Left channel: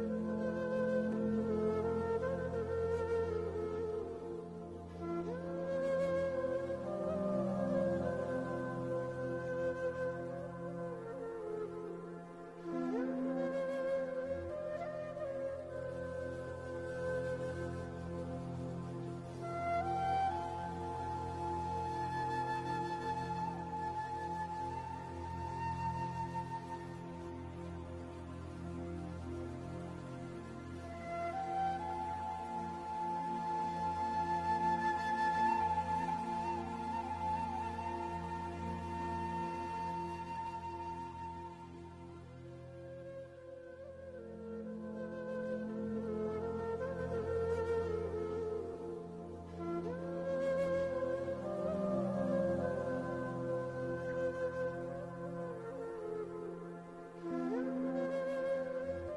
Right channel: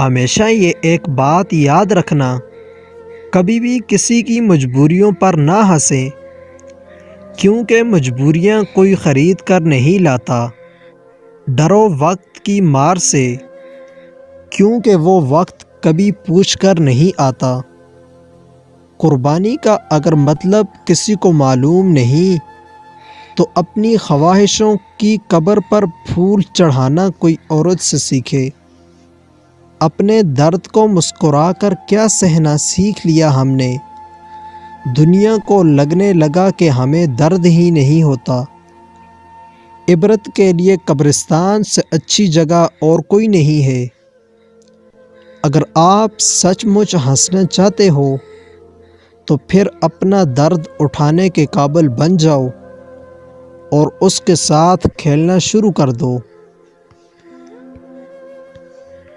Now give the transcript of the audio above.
हमेशा ये एक बात याद रखना, कभी भी किसी की मजबूरियों पर ना हंसें, क्योंकि मजबूरियां कोई ख़रीद कर नहीं लाता। डरो वक्त की मार से, क्योंकि वो वक्त कभी पूछ कर नहीं आता। कुर्बानी का अगर मतलब किसी को मालूम नहीं, तो अपनी ख्वाहिशों की कब्र पर फूल चढ़ाना कोई औरत से सीखे। अपने दर्द को मुस्कुरा कर क्या सहना सीख लिया हमने। दुनिया को लगने लगा कि हमें दर्द ही नहीं होता। इबरत के लिए कब्रिस्तान से अच्छी जगह और कोई नहीं है। अगर आप सचमुच हंसना चाहते हो, तो फिर अपना दर्द उठाने के काबिल बन जाओ और उसके साथ खेलना शुरू कर दो।